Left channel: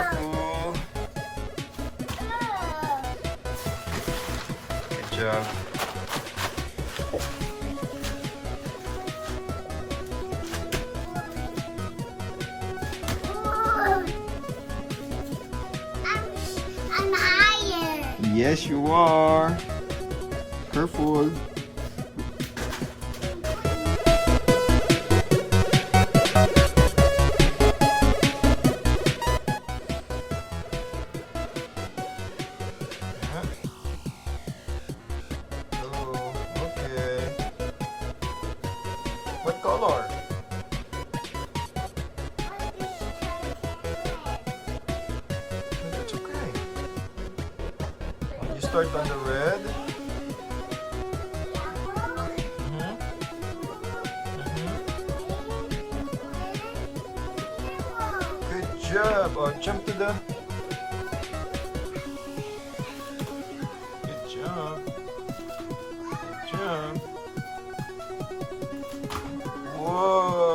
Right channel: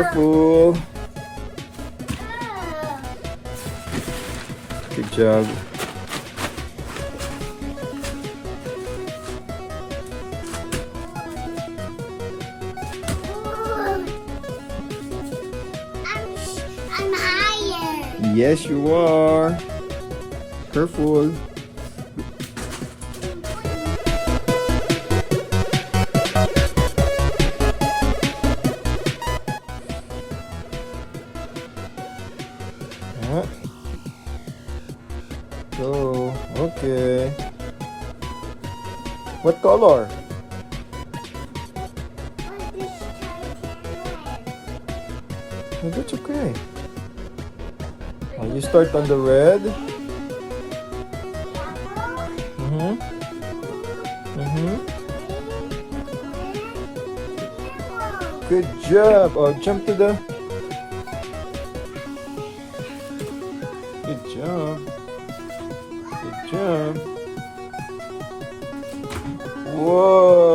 Careful. Good job. I'm higher. Yes, you are. Careful. Yeah. So, okay. What color? No, that's okay. You start on the red. Mm-hmm. Mm-hmm. Good job. Oh, jump to the. Good job. Good job. Whoa.